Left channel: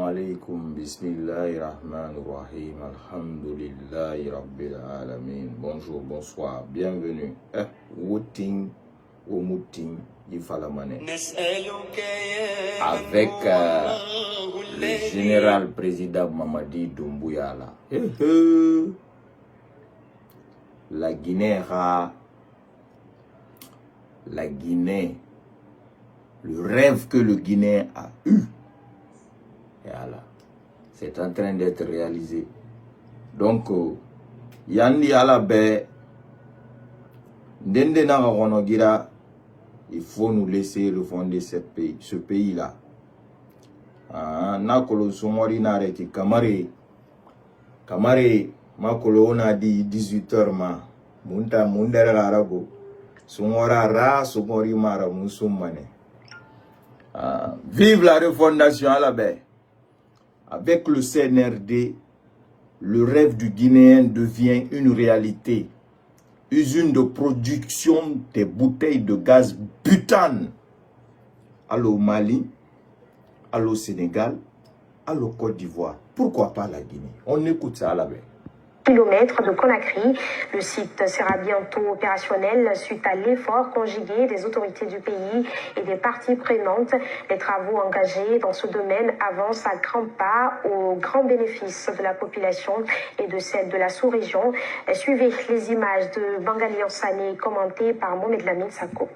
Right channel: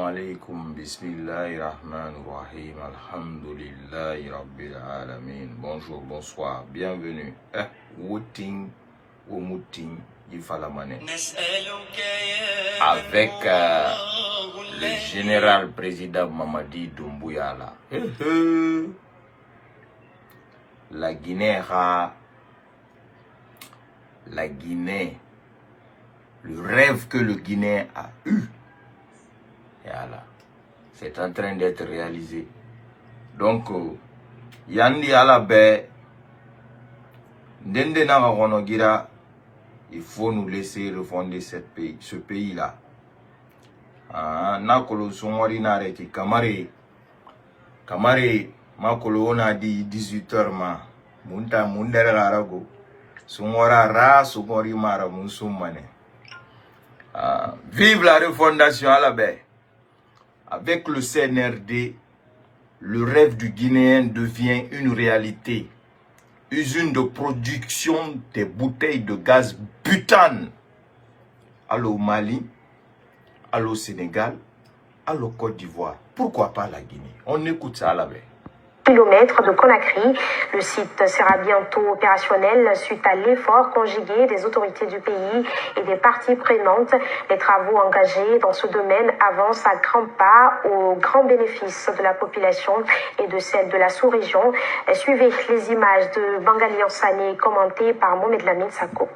Alaikum, bismillahirrahmanirrahim, alhamdulillahi rabbil alamin. Bonjour, bonsoir, bienvenue. Wouting, Womouting, Yifalamane. Avec le général président Mamadi Doumbouya là. La Guinée, le rêve que le Guinéen a eu. Voilà. C'est en train d'être réalisé. Donc, Yandi Alabe, il faut nous laisser refonder ce pays-là. Nakolo Somori Nareki, Kamare, Makolo, on a dit 18h, Munta Mundere Arago, Somora Ra, Somori Mara, Munsumane. Vive la refondation à la baie. Avec le CNRD, le rêve du Guinéen devient une réalité. Usine de production des bouteilles de gaz butane. Allô Mali, allô Sénégal, allô Côte d'Ivoire. Pourquoi pas la Guinée? On écoute ça à la baie. Kilomètres de Conakry. Le site sera bientôt opérationnel suite à l'effort conjugué des autorités du pays et des parties prenantes. Les travaux engagés dans ce domaine avancent à grands pas au grand bénéfice de la population et de celle de la sous-région. Suivez les images de Bangali Ansane commentées par Mohamed Lamine Sako.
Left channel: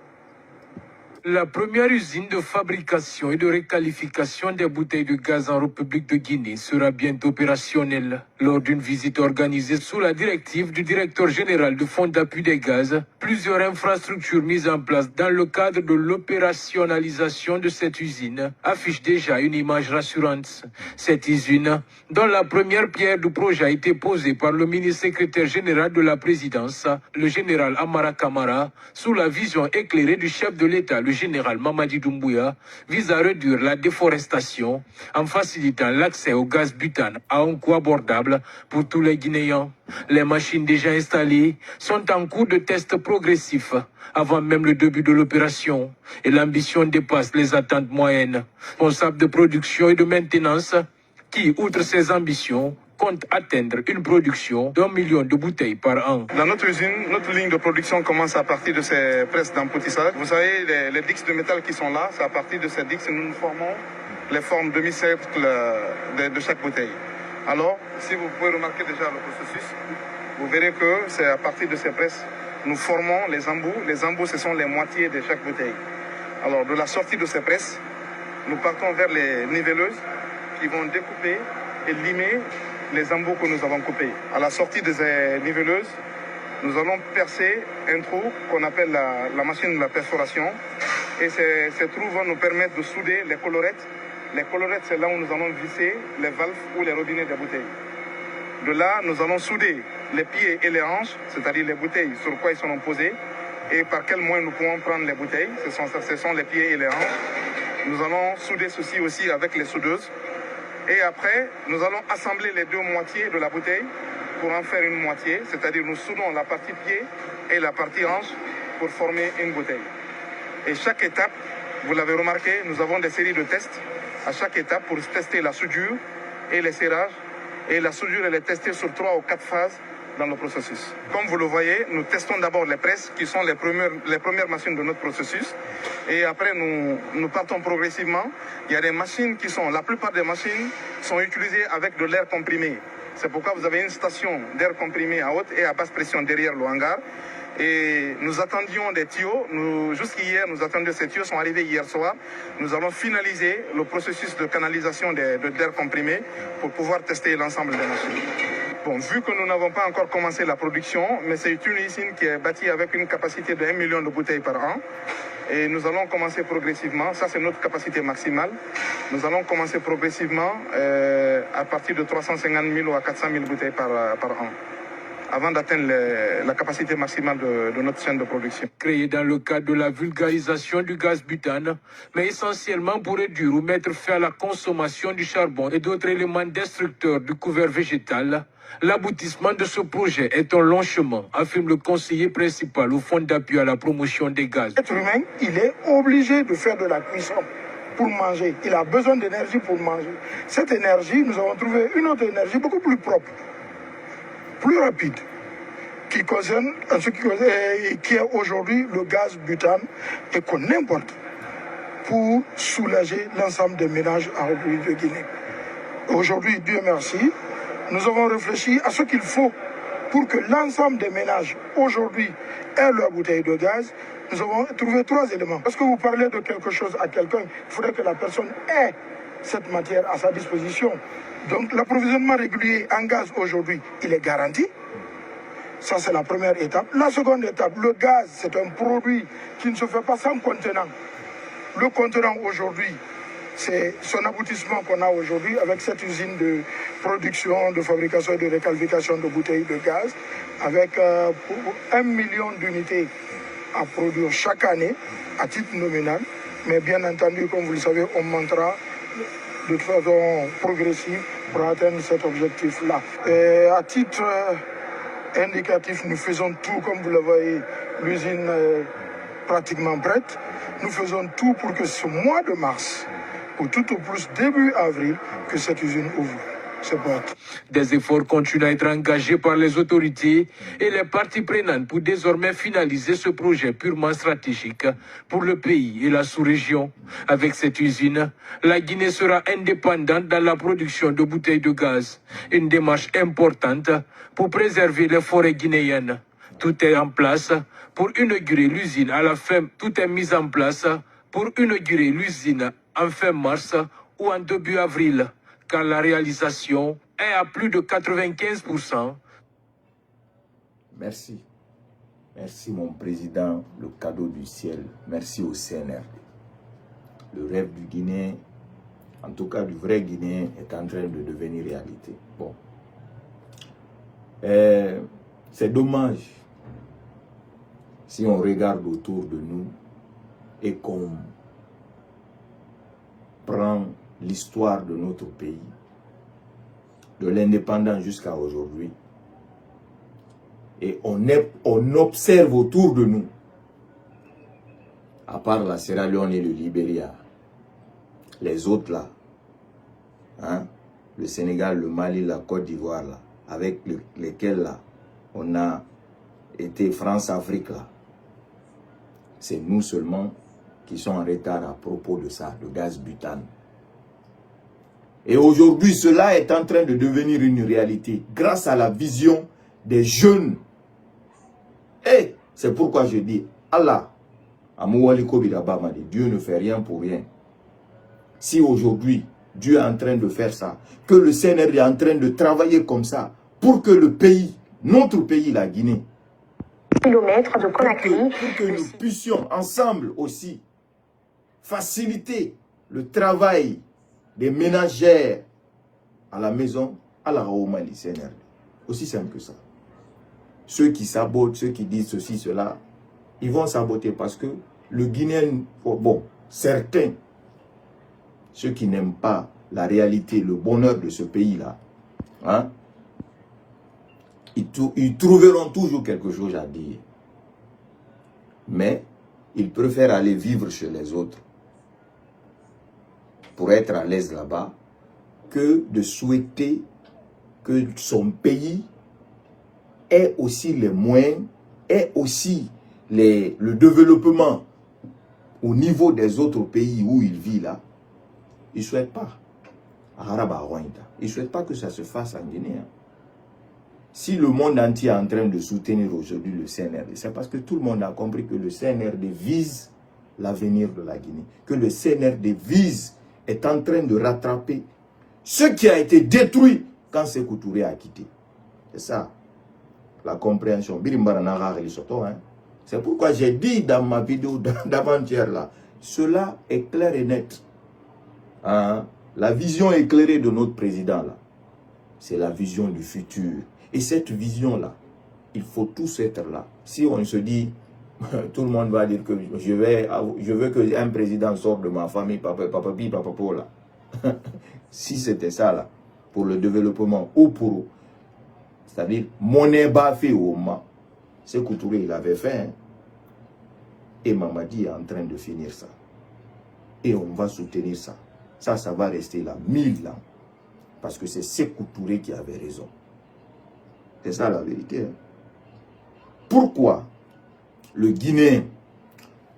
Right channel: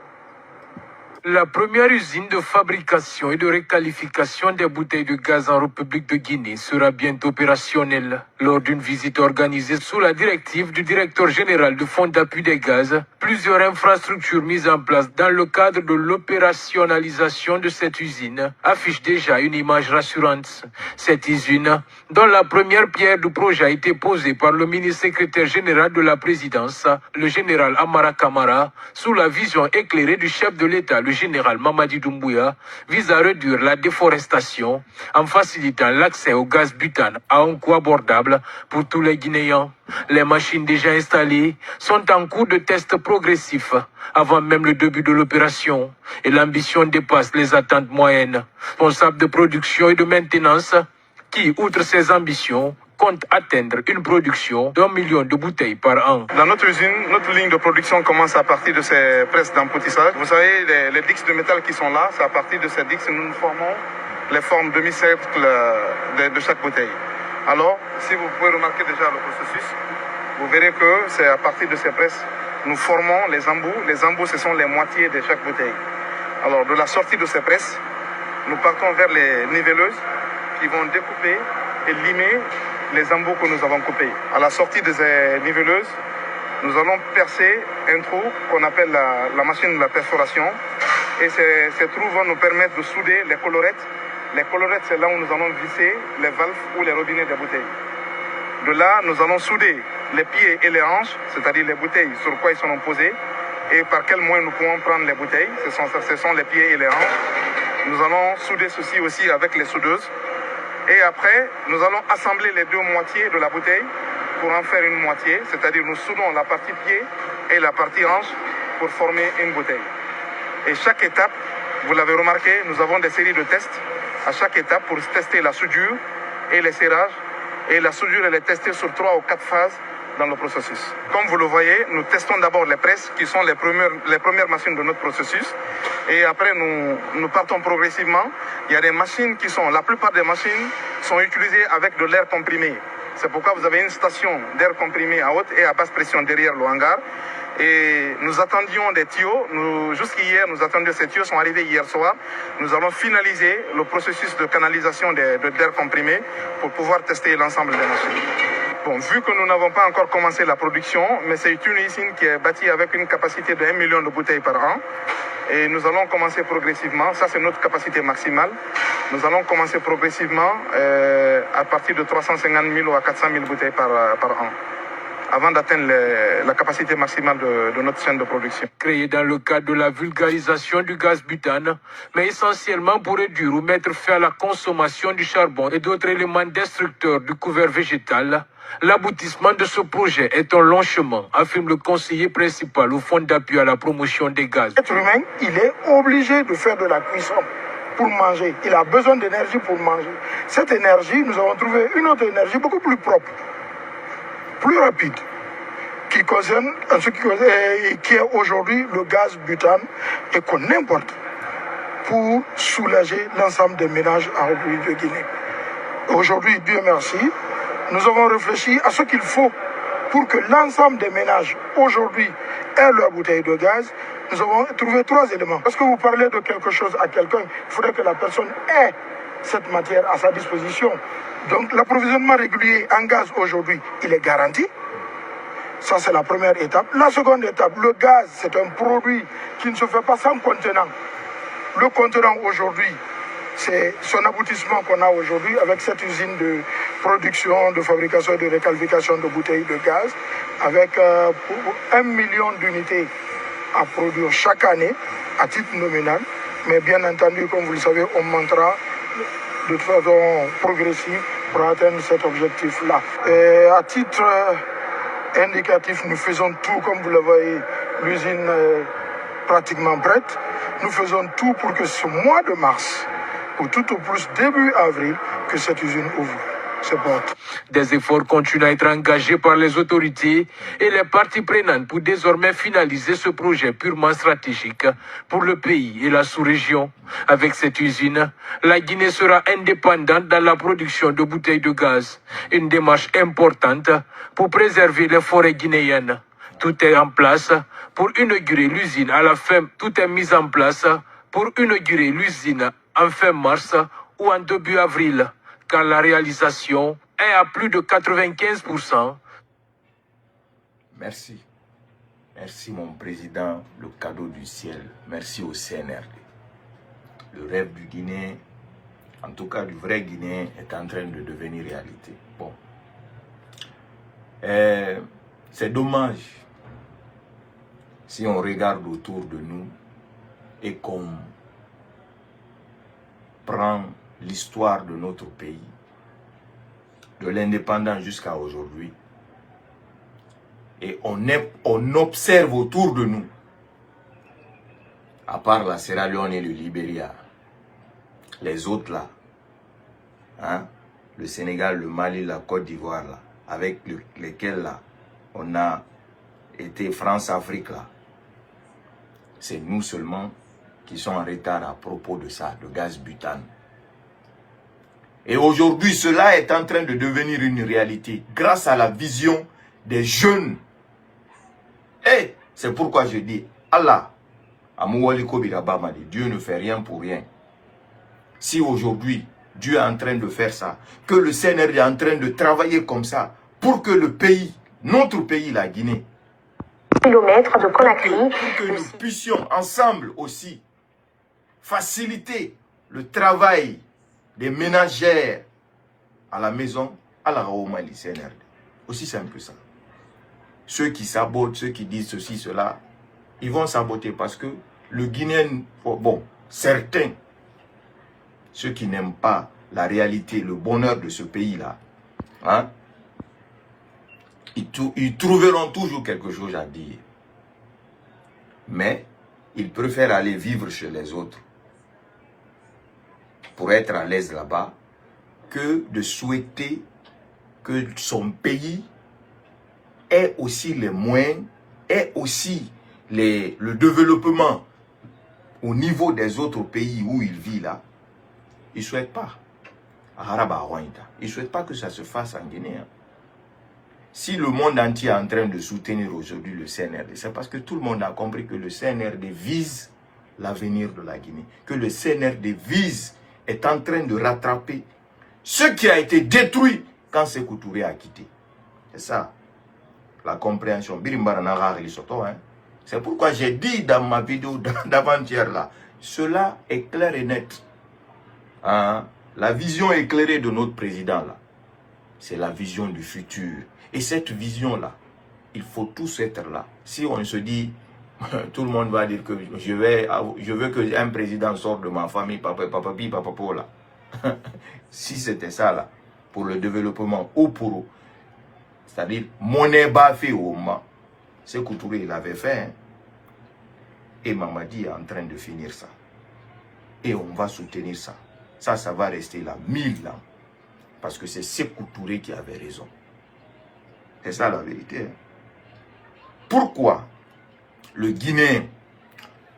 La première usine de fabrication et de requalification des bouteilles de gaz en République de Guinée sera bientôt opérationnelle. Lors d'une visite organisée sous la directive du directeur général du Fonds d'appui des gaz, plusieurs infrastructures mises en place dans le cadre de l'opérationnalisation de cette usine affichent déjà une image rassurante. Cette usine, dont la première pierre du projet a été posée par le ministre secrétaire général de la présidence, le général Amara Kamara, sous la vision éclairée du chef de l'État, le général Mamadi Doumbouya, vise à réduire la déforestation en facilitant l'accès au gaz butane à un coût abordable pour tous les Guinéens. Les machines déjà installées sont en cours de test progressif avant même le début de l'opération et l'ambition dépasse les attentes moyennes. Responsable de production et de maintenance qui, outre ses ambitions, compte atteindre une production d'1 million de bouteilles par an. Dans notre usine, notre ligne de production commence à partir de ces presses d'emboutissage. Vous savez, les dix de métal qui sont là, c'est à partir de ces dix que nous formons les formes demi-cercles de chaque bouteille. Alors, si vous pouvez remarquer déjà le processus, vous verrez que c'est à partir de ces presses, nous formons les embouts. Les embouts, ce sont les moitiés de chaque bouteille. Alors, de la sortie de ces presses, nous partons vers les nivelleuses qui vont découper et limer les embouts que nous avons coupés. À la sortie de ces nivelleuses, nous allons percer un trou qu'on appelle la machine de la perforation. Et ces trous vont nous permettre de souder les colorettes. Les colorettes, c'est là où nous allons visser les valves ou les robinets des bouteilles. De là, nous allons souder les pieds et les hanches, c'est-à-dire les bouteilles sur quoi ils sont posés, et par quel moyen nous pouvons prendre les bouteilles. Ce sont les pieds et les hanches. Nous allons souder ceci aussi avec les soudeuses. Et après, nous allons assembler les deux moitiés de la bouteille pour en faire une moitié, c'est-à-dire nous soudons la partie pied et la partie hanche pour former une bouteille. Et chaque étape, vous l'avez remarqué, nous avons des séries de tests à chaque étape pour tester la soudure et les serrages. Et la soudure, elle est testée sur 3 ou 4 phases dans le processus. Comme vous le voyez, nous testons d'abord les presses qui sont les premières machines de notre processus. Et après, nous partons progressivement. Il y a des machines la plupart des machines sont utilisées avec de l'air comprimé. C'est pourquoi vous avez une station d'air comprimé à haute et à basse pression derrière le hangar. Et nous attendions des tuyaux. Jusqu'hier, nous attendions ces tuyaux, sont arrivés hier soir. Nous allons finaliser le processus de canalisation d'air comprimé pour pouvoir tester l'ensemble des machines. Bon, vu que nous n'avons pas encore commencé la production, mais c'est une usine qui est bâtie avec une capacité de 1 million de bouteilles par an. Et nous allons commencer progressivement, ça c'est notre capacité maximale. Nous allons commencer progressivement à partir de 350 000 ou à 400 000 bouteilles par an, avant d'atteindre la capacité maximale de notre chaîne de production. Créé dans le cadre de la vulgarisation du gaz butane, mais essentiellement pour réduire ou mettre fin à la consommation du charbon et d'autres éléments destructeurs du couvert végétal, l'aboutissement de ce projet est un long chemin, affirme le conseiller principal au Fonds d'appui à la promotion des gaz. L'être humain, il est obligé de faire de la cuisson. pour manger. Il a besoin d'énergie pour manger. Cette énergie, nous avons trouvé une autre énergie beaucoup plus propre, plus rapide, qui concerne, qui est aujourd'hui le gaz butane et qu'on importe pour soulager l'ensemble des ménages en République de Guinée. Aujourd'hui, Dieu merci, nous avons réfléchi à ce qu'il faut pour que l'ensemble des ménages aujourd'hui aient leur bouteille de gaz. Nous avons trouvé 3 éléments. Lorsque vous parlez de quelque chose à quelqu'un, il faudrait que la personne ait cette matière à sa disposition. Donc l'approvisionnement régulier en gaz aujourd'hui, il est garanti. Ça, c'est la première étape. La seconde étape, le gaz, c'est un produit qui ne se fait pas sans contenant. Le contenant aujourd'hui, c'est son aboutissement qu'on a aujourd'hui avec cette usine de production, de fabrication et de réqualification de bouteilles de gaz, avec 1 million d'unités à produire chaque année à titre nominal. Mais bien entendu, comme vous le savez, on montera de façon progressive pour atteindre cet objectif-là. À titre indicatif, nous faisons tout, comme vous le voyez, l'usine pratiquement prête. Nous faisons tout pour que ce mois de mars, ou tout au plus début avril, que cette usine ouvre ses portes. Des efforts continuent à être engagés par les autorités et les parties prenantes pour désormais finaliser ce projet purement stratégique pour le pays et la sous-région. Avec cette usine, la Guinée sera indépendante dans la production de bouteilles de gaz, une démarche importante pour préserver les forêts guinéennes. Tout est en place pour inaugurer l'usine à la fin. Tout est mis en place pour inaugurer l'usine en fin mars ou en début avril, car la réalisation est à plus de 95%. Merci. Merci mon président, le cadeau du ciel. Merci au CNRD. Le rêve du Guinéen, en tout cas du vrai Guinéen, est en train de devenir réalité. Bon. C'est dommage si on regarde autour de nous et qu'on prend l'histoire de notre pays, de l'indépendance jusqu'à aujourd'hui, et on observe autour de nous, à part la Sierra Leone et le Libéria, les autres là, hein, le Sénégal, le Mali, la Côte d'Ivoire là, avec lesquels là, on a été France-Afrique là, c'est nous seulement qui sont en retard à propos de ça, de gaz butane. Et aujourd'hui, cela est en train de devenir une réalité grâce à la vision des jeunes. Et c'est pourquoi je dis, Allah, Dieu ne fait rien pour rien. Si aujourd'hui, Dieu est en train de faire ça, que le CNRD est en train de travailler comme ça, pour que le pays, notre pays, la Guinée, kilomètres de Conakry, pour que nous puissions ensemble aussi faciliter le travail des ménagères à la maison, à la Mali CNRD. Aussi simple que ça. Ceux qui sabotent, ceux qui disent ceci, cela, ils vont saboter parce que le Guinéen, bon, certains, ceux qui n'aiment pas la réalité, le bonheur de ce pays-là, hein, ils trouveront toujours quelque chose à dire. Mais ils préfèrent aller vivre chez les autres pour être à l'aise là-bas que de souhaiter que son pays ait aussi les moyens, ait aussi le développement au niveau des autres pays où il vit là. Ils ne souhaitent pas. Ils ne souhaitent pas que ça se fasse en Guinée. Si le monde entier est en train de soutenir aujourd'hui le CNRD, c'est parce que tout le monde a compris que le CNRD vise l'avenir de la Guinée. Que le CNRD est en train de rattraper ce qui a été détruit quand Sékou Touré a quitté. C'est ça, la compréhension. C'est pourquoi j'ai dit dans ma vidéo d'avant-hier là, cela est clair et net. Hein? La vision éclairée de notre président là, c'est la vision du futur. Et cette vision-là, il faut tous être là. Si on se dit, tout le monde va dire que je veux qu'un président sorte de ma famille, papa, là. Si c'était ça, là, pour le développement ou pour, c'est-à-dire, monnaie bafé au moment, c'est que Touré, il avait fait. Hein. Et Mamadi est en train de finir ça. et on va soutenir ça. Ça va rester là 1000 ans. Parce que c'est Sékou Touré qui avait raison. C'est ça la vérité. Hein. Pourquoi le Guinéen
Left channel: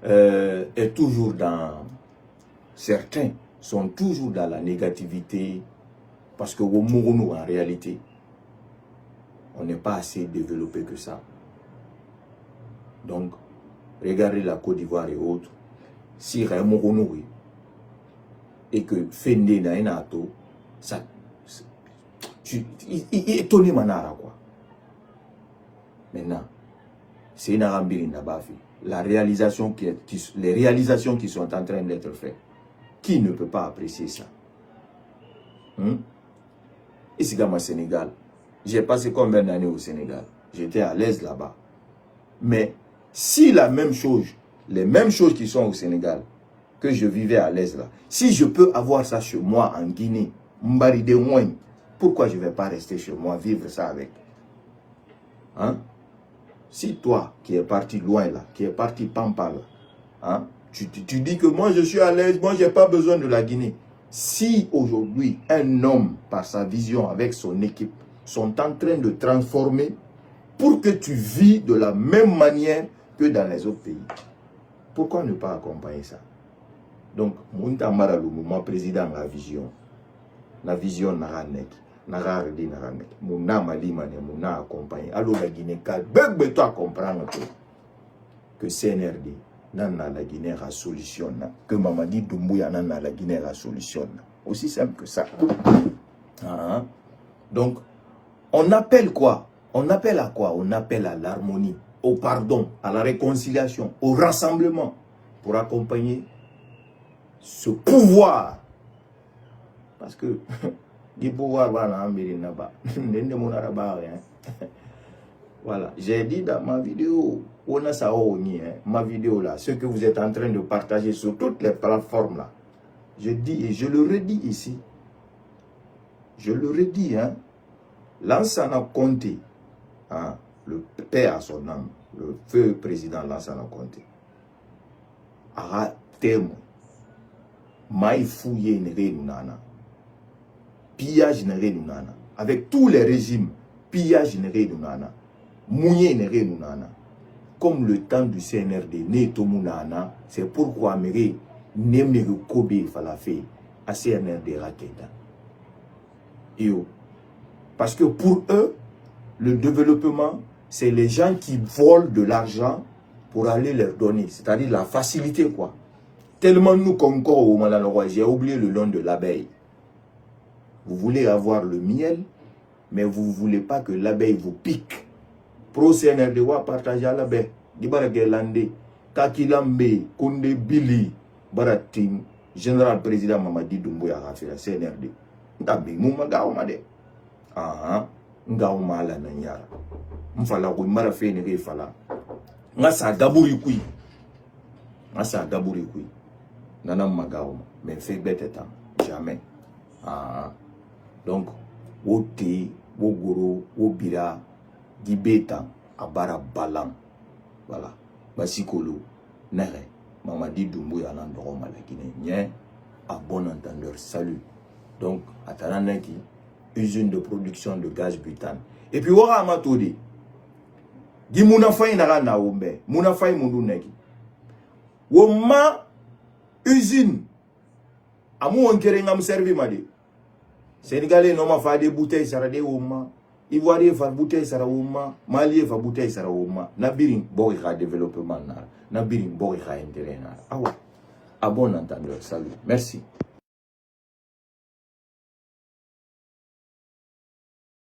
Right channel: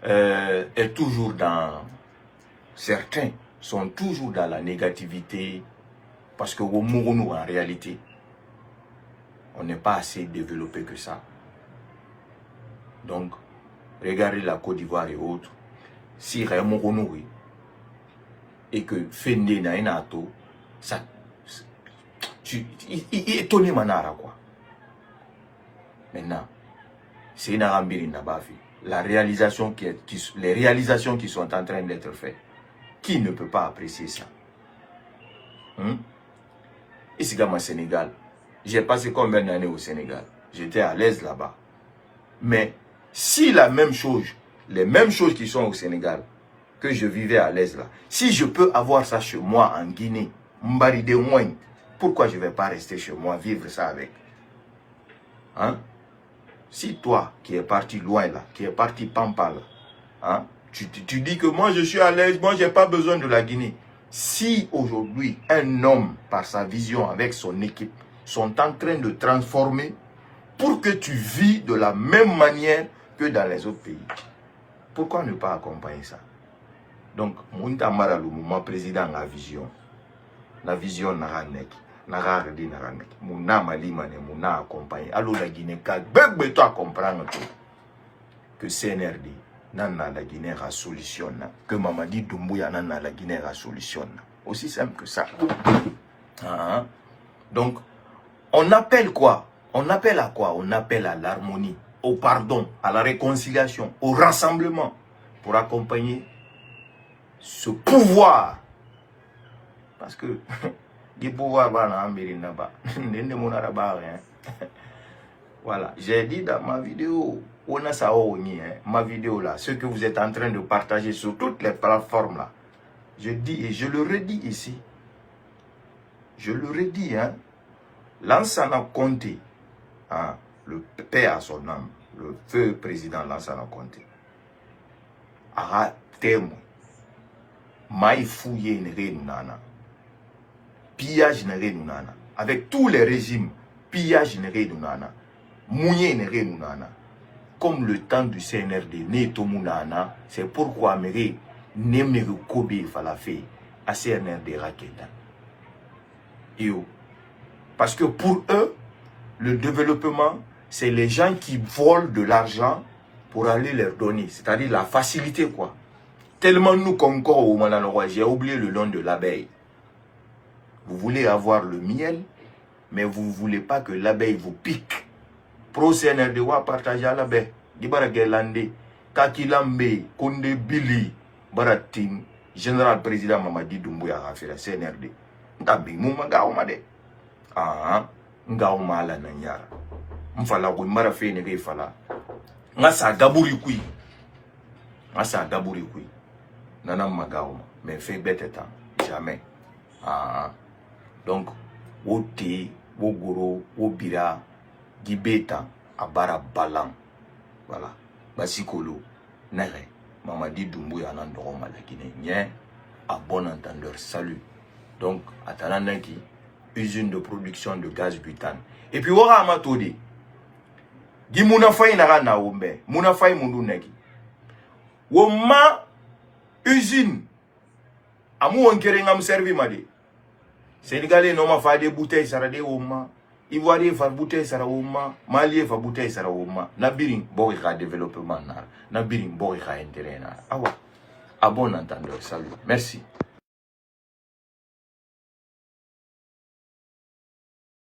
est toujours dans... Certains sont toujours dans la négativité. Parce que au Mourounou, en réalité, on n'est pas assez développé que ça. Donc, regardez la Côte d'Ivoire et autres. Si Mourounou et que Fende Nainato, ça... Il est étonné manara quoi. Maintenant, c'est une arambine nabafi. Les réalisations qui sont en train d'être faites, qui ne peut pas apprécier ça? Ici, dans le Sénégal, j'ai passé combien d'années au Sénégal? J'étais à l'aise là-bas. Mais si la même chose, les mêmes choses qui sont au Sénégal, que je vivais à l'aise là, si je peux avoir ça chez moi en Guinée, Mbaride Mouin, pourquoi je ne vais pas rester chez moi, vivre ça avec? Hein? Si toi, qui es parti loin là, qui es parti Pampa là, hein, tu dis que moi je suis à l'aise, moi je n'ai pas besoin de la Guinée. Si aujourd'hui, un homme, par sa vision, avec son équipe, sont en train de transformer pour que tu vis de la même manière que dans les autres pays, pourquoi ne pas accompagner ça? Donc, Mounta Maralou, mon président a vision. La vision n'a nek, n'a regardé n'a nek. Mouna Malimane, Mouna accompagné. Alors la Guinée, quand toi comprendre que CNRD, nana la Guinée a solution, que Mamadi Doumbouya nana la Guinée a solution. Aussi simple que ça. Ah, donc, on appelle quoi? On appelle à quoi? On appelle à l'harmonie, au pardon, à la réconciliation, au rassemblement, pour accompagner ce pouvoir. Parce que du pouvoir voilà, j'ai dit dans ma vidéo, on a ça ma vidéo là, ce que vous êtes en train de partager sur toutes les plateformes là. Je dis et je le redis ici. Je le redis, hein. Lansana Conté, hein, le père à son âme, le feu président Lansana Conté, a témoin. Maï fouillé une nana. Pillage nana. Avec tous les régimes, pillage nana. Mouillé nana. Comme le temps du CNRD, Netomunana, c'est pourquoi Méré, Nemere Kobe Falafé, à CNRD Raketa. Parce que pour eux, le développement, c'est les gens qui volent de l'argent pour aller leur donner. C'est-à-dire la facilité, quoi. Tellement nous concordons au Malanorois, j'ai oublié le nom de l'abeille. Vous voulez avoir le miel, mais vous ne voulez pas que l'abeille vous pique. Pro CNRD wa partager à l'abeille. Dibara Gelande, Kakilambe, Konde Billy, Baratin, Général Président Mamadi Doumbouya a fait la CNRD. Ntabi mouma gaoumade. Ah, ngaouma la nanyara. Mfala kou mara fe nege fala. Nga sa gaburi kui. Nga sa gaburi kui. Nanam magaouma. Mais fait bête temps. Jamais. Ah. Donc, wote, wogoro, wobira, gibeta, abara balam. Voilà. Basikolo, nere. Mamadi Doumbouya nandoroma la Guinée. Nien, à bon entendeur. Salut. Donc, Atalanaki, usine de production de gaz butane. Et puis, wara amatode. Di mounafay nara na ombe. Mounafay mundu neki. Woma usine. Amu wankere ngam servi made. Sénégalais n'ont pas des bouteilles sarade woma. Ivoirien fa bouteille sara woma. Malien fa bouteille sara woma. Nabiring bori ka développement nara. Nabiring bori ka intérêt nara. Awa. À bon entendeur. Salut. Merci.